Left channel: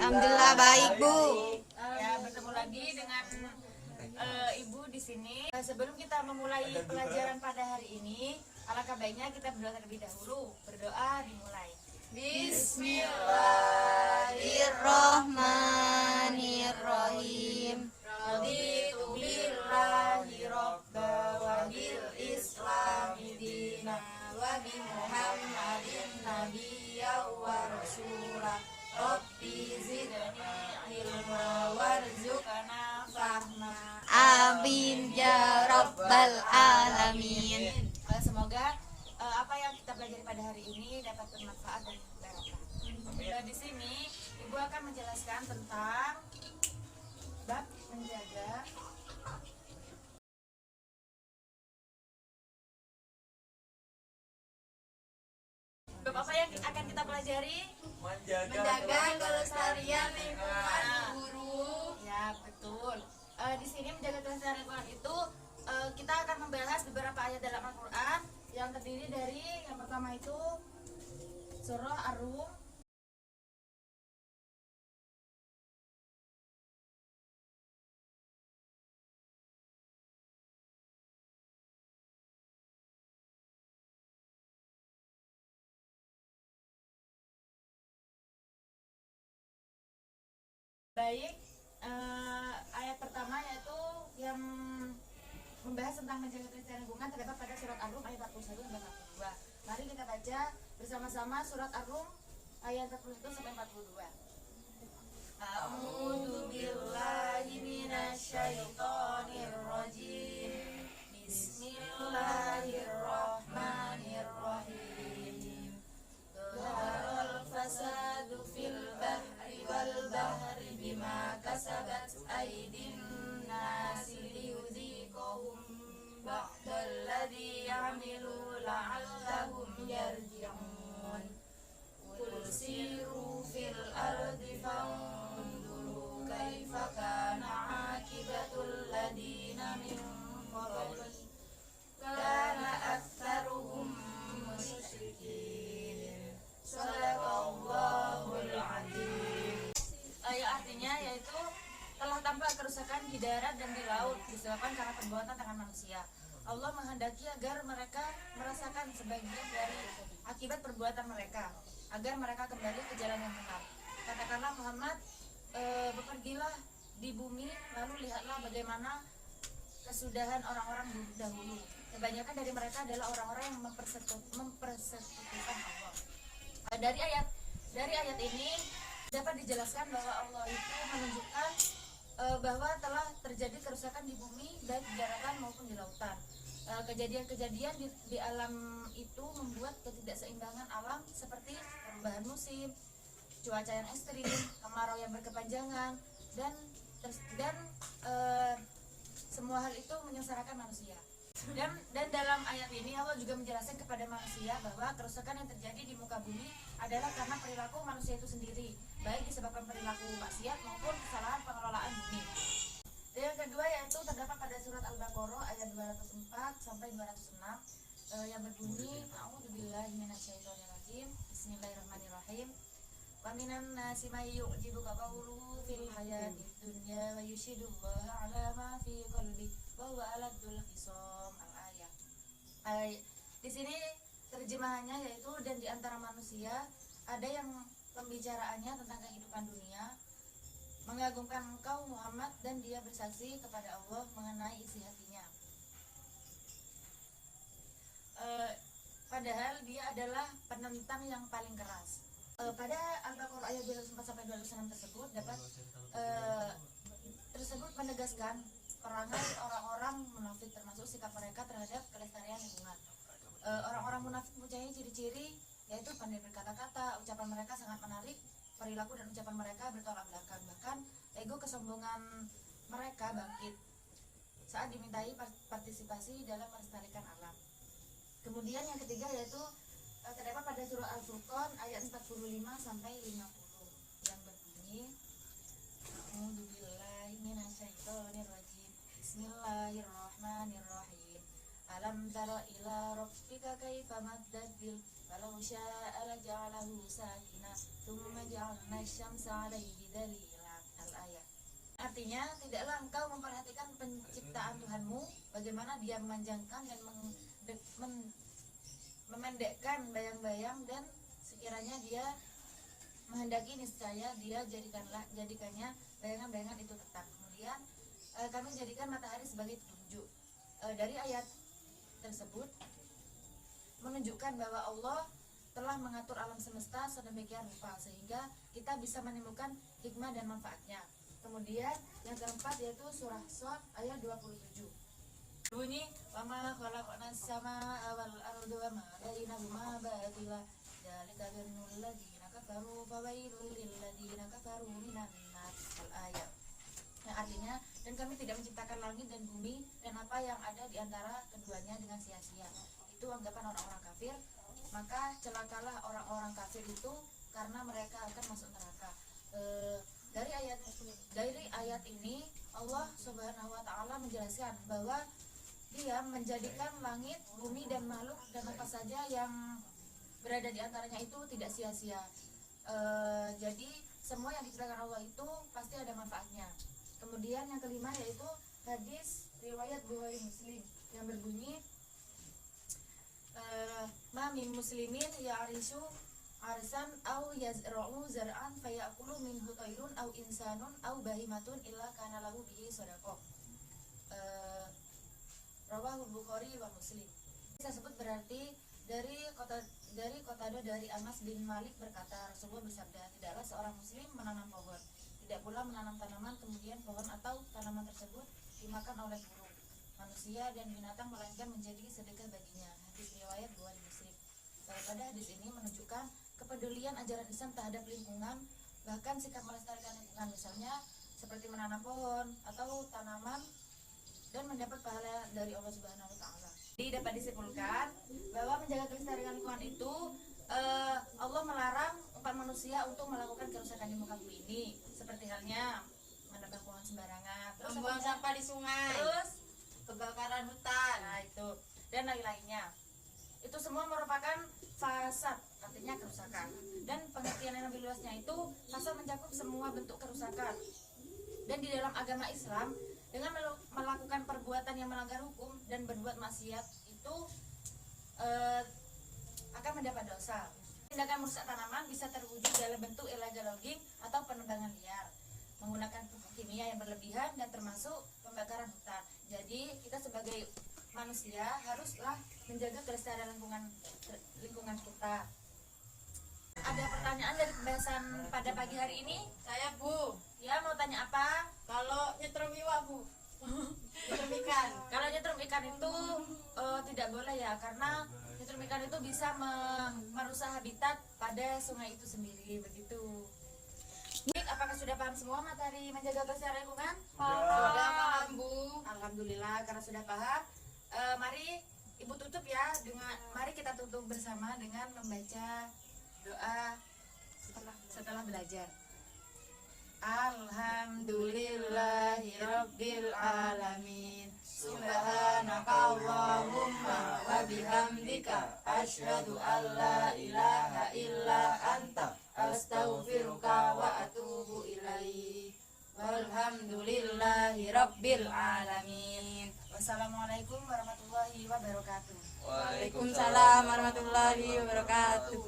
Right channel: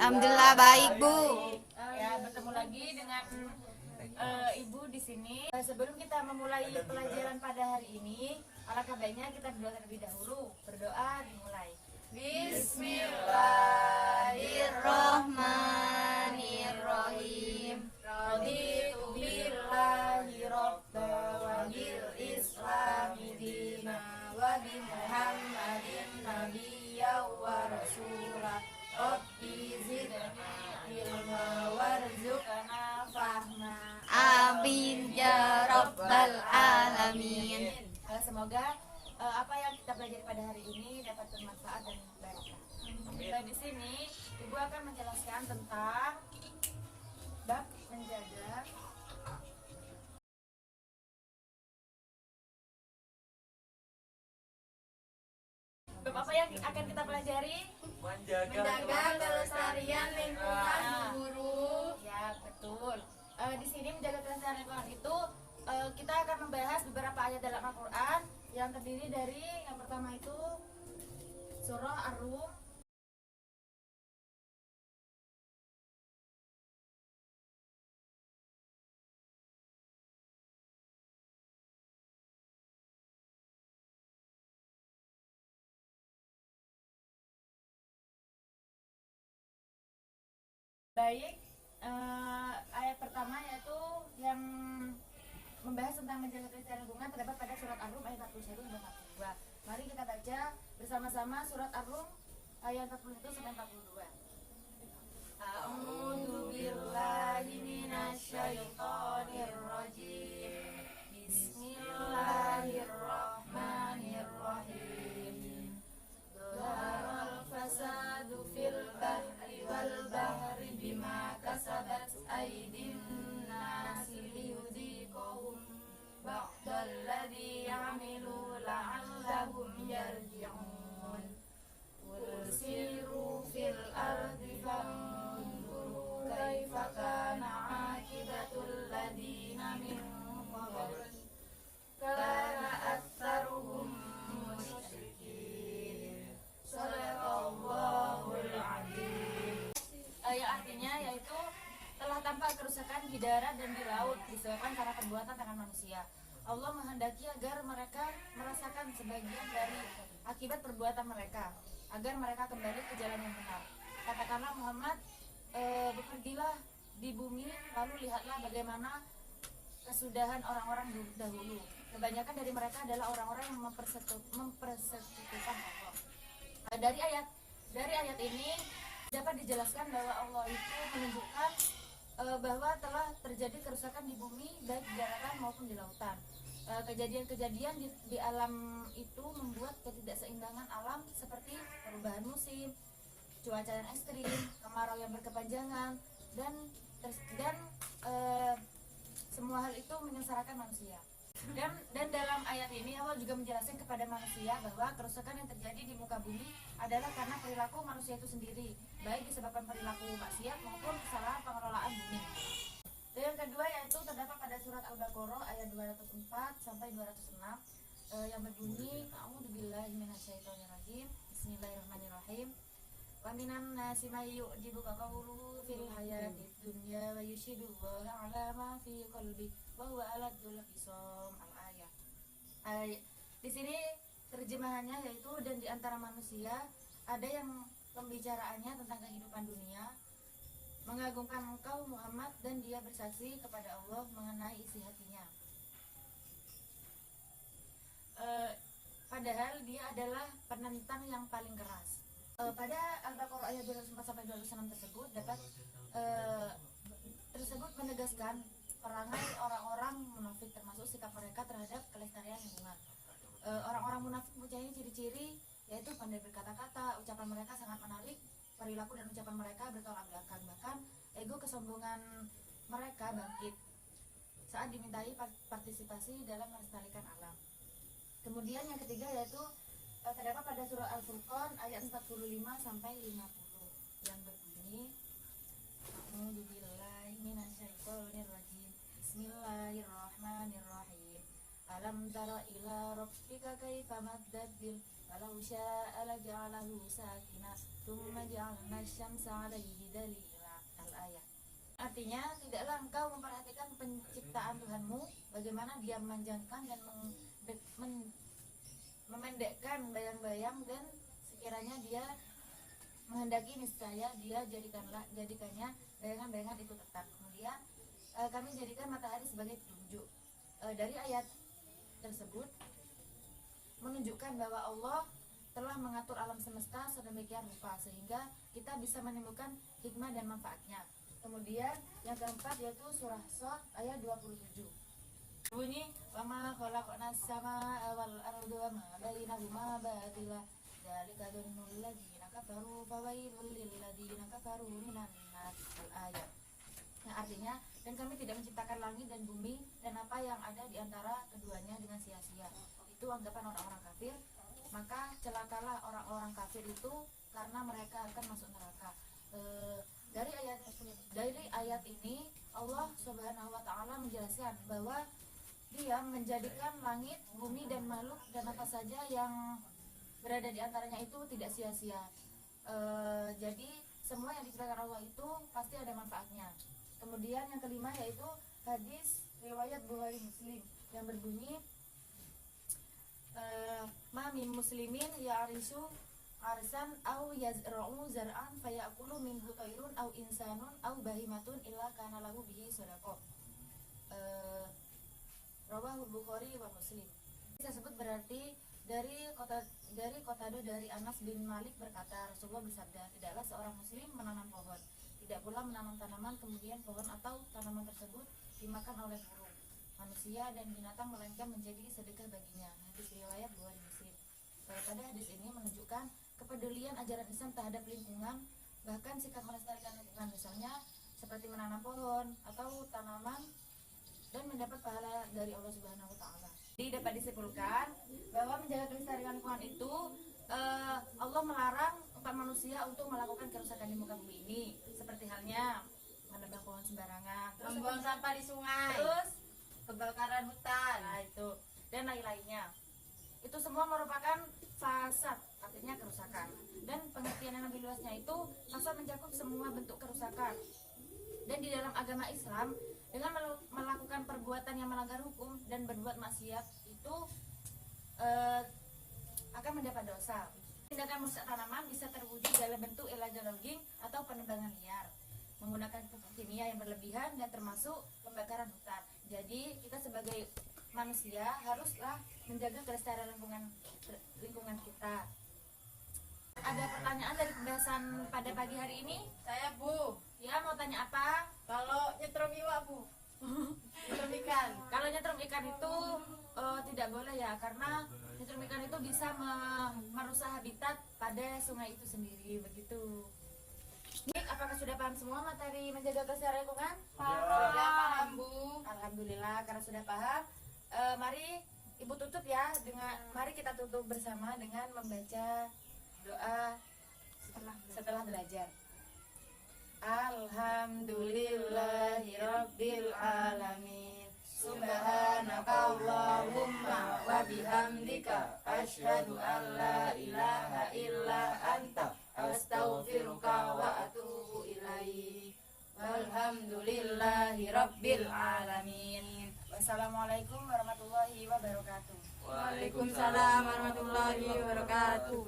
Alhamdulillah baik, Bu. Ya, bertemu lagi dengan Ibu di sini. Sebelum kita memulai pelajaran pada hari ini, alangkah baiknya kita berdoa terlebih dahulu. Berdoa dimulai. Bismillahirrahmanirrahim. Raditu billahi rabba wa bil islami dina wa bi Muhammadin nabiyya wa rasula. Rabbi zidni ilma warzuqna fahma. Amin ya rabbal alamin. Semoga apa yang kita pelajari pada hari ini dapat bermanfaat dan barokah. Di sini Ibu akan menjelaskan tentang bab menjaga bab apa yang akan kita pelajari? Menjaga kelestarian lingkungan, guru. Ya, betul. Di sini menjaga kelestarian lingkungan itu kita akan membahas beberapa ayat dalam Al-Qur'an yang terdiri dari yang pertama itu surah Ar-Rum. Baik, ayat pertama yaitu yang membahas tentang menjaga kelestarian lingkungan terdapat pada surat Ar-Rum ayat 41 sampai 42. Mari kita baca bersama-sama surat Ar-Rum ayat 41 sampai 42. A'udzu billahi minasyaitonir rajim. Bismillahirrahmanirrahim. Dhaharal fasadu fil bahri wal bahri bima kasabat aydin nasi liyudhiqahum ba'dal ladzi ya'malu la'allahum yarji'un. Qul siru fil ardi fanzuru kaifa kana 'aqibatul ladzina min qabli kana aktsaruhum musyrikin. Shadaqallahul adzim. Yang artinya yaitu telah tampak kerusakan di darat dan di laut disebabkan karena perbuatan tangan manusia. Allah menghendaki agar mereka merasakan sebagian dari akibat perbuatan mereka, agar mereka kembali ke jalan yang benar. Katakanlah Muhammad, bepergilah di bumi, lalu lihatlah bagaimana kesudahan orang-orang dahulu. Kebanyakan dari mereka adalah orang-orang yang mempersekutukan Allah. Dari ayat ini dapat dijelaskan bahwa Allah itu menunjukkan bahwa telah terjadi kerusakan di bumi baik di daratan maupun di lautan. Kejadian-kejadian di alam itu membuat ketidakseimbangan alam seperti perubahan musim, cuaca yang ekstrim, kemarau yang berkepanjangan, dan semua hal itu menyengsarakan manusia. Dan dalam ayat ini Allah juga menjelaskan kepada manusia bahwa kerusakan yang terjadi di muka bumi adalah karena perilaku manusia itu sendiri, baik disebabkan perilaku maksiat maupun kesalahan pengelolaan bumi. Dan yang kedua yaitu terdapat pada surat Al-Baqarah ayat 204 sampai 206 yang berbunyi A'udzubillahi minasyaitonirrajim. Bismillahirrahmanirrahim. Wa minan nasi may yu'jibuka qawluhu fil hayatid dunya wa yushidullaha 'ala ma fi qalbi wa huwa aladul khisam. Al-ayat. Di sini terjemahannya yaitu dan di antara manusia ada yang pembicaraannya tentang kehidupan dunia mengagumkan engkau Muhammad dan dia bersaksi kepada Allah mengenai isi hatinya. Padahal dia adalah penentang yang paling keras. Pada Al-Baqarah ayat 204 sampai 206 tersebut menegaskan perangai orang-orang munafik termasuk sikap mereka terhadap kelestarian lingkungan. Orang-orang munafik mempunyai ciri-ciri yaitu pandai berkata-kata, ucapan mereka sangat menarik, perilaku dan ucapan mereka bertolak belakang, bahkan ego kesombongan mereka bangkit saat dimintai partisipasi dalam melestarikan alam. Kemudian yang ketiga yaitu terdapat pada surah Al-Furqan ayat 45 sampai 50 yang berbunyi A'udzubillahi minasyaitonirrajim. Bismillahirrahmanirrahim. Alam tara ila rabbika kaifa maddad bil walau syaa la ja'alahu sakin alaina tsumma ja'alna asy-syamsa 'alaihi dalila. Al-ayat. Artinya, tidaklah engkau memperhatikan penciptaan Tuhanmu, bagaimana dia memanjangkan dan memendekkan bayang-bayang, dan sekiranya dia menghendaki niscaya dia jadikannya bayangan-bayangan itu tetap. Kemudian kami jadikan matahari sebagai petunjuk. Dari ayat tersebut menunjukkan bahwa Allah telah mengatur alam semesta sedemikian rupa sehingga kita bisa menimbulkan hikmah dan manfaatnya. Kemudian yang keempat yaitu surah Shad ayat 27. Bunyi wa ma khalaqnas samaa wal arda wa ma bainahuma batila dzalika dzannul ladzina kafaru fawailul lil ladzina kafaru minan nar. Al-ayat. Yang artinya, dan kami tidak menciptakan langit dan bumi dan apa yang ada di antara keduanya dengan sia-sia. Itu anggapan orang-orang kafir. Maka celakalah orang-orang kafir itu karena mereka akan masuk neraka. Dari ayat ini Allah Subhanahu wa taala menjelaskan bahwa Dia menjadikan langit, bumi dan makhluk dan apa saja yang berada di antaranya itu tidak sia-sia. Jadi semua yang diciptakan Allah itu pasti ada manfaatnya. Kemudian yang kelima yaitu hadis riwayat Bukhari Muslim yang berbunyi ma min muslimin ya'risu arsan au yazra'u zar'an fayaqulu minhu tayrun au insanun au bahimatun illa kana lahu bihi shadaqah. Rawahu Bukhari wa Muslim. Tersebut berarti dari Qatadah dari Anas bin Malik berkata, Rasulullah bersabda, tidaklah seorang muslim menanam pohon, tidak pula menanam tanaman kemudian pohon atau tanaman tersebut dimakan oleh burung, manusia dan binatang melainkan menjadi sedekah baginya. Hadis riwayat Bukhari Muslim. Pada hadis ini menunjukkan kepedulian ajaran Islam terhadap lingkungan, bahkan sikap melestarikan lingkungan, misalnya seperti menanam pohon atau tanaman dan mendapat pahala dari Allah Subhanahu wa taala. Jadi dapat disimpulkan bahwa menjaga kelestarian lingkungan itu Allah melarang umat manusia untuk melakukan kerusakan di muka bumi ini, seperti halnya menebang pohon sembarangan, Membuang sampah di sungai, terus kebakaran hutan, nah itu dan lain-lainnya. Itu semua merupakan fasad, artinya kerusakan. Dan pengertian yang lebih luasnya itu fasad mencakup semua bentuk kerusakan. Dan di dalam agama Islam, dengan melakukan perbuatan yang melanggar hukum dan berbuat maksiat itu akan mendapat dosa. Tindakan merusak tanaman bisa terwujud dalam bentuk illegal logging atau penebangan liar, menggunakan pupuk kimia yang berlebihan dan termasuk pembakaran hutan. Jadi kita sebagai manusia haruslah menjaga kelestarian lingkungan kita. Ada pertanyaan dari pembahasan pada pagi hari ini? Saya Bu, Ya, mau tanya apa? kalau nyetrum iwak Bu, nyetrum ikan, Kalau nyetrum ikan itu tidak boleh ya, karena nyetrum ikan itu bisa merusak habitat pada sungai itu sendiri, begitu. Baik, apakah sudah paham semua materi menjaga kelestarian lingkungan? sudah paham Bu. Alhamdulillah, karena sudah paham. Mari Ibu tutup ya mari kita tutup bersama dengan membaca doa setelah belajar. Alhamdulillahirabbil alamin. Subhanakallahumma wa bihamdika asyhadu an la ilaha illa anta astaghfiruka wa atubu ilaik. Walhamdulillahirabbil alamin. Wassalamualaikum warahmatullahi wabarakatuh. Waalaikumsalam warahmatullahi wabarakatuh.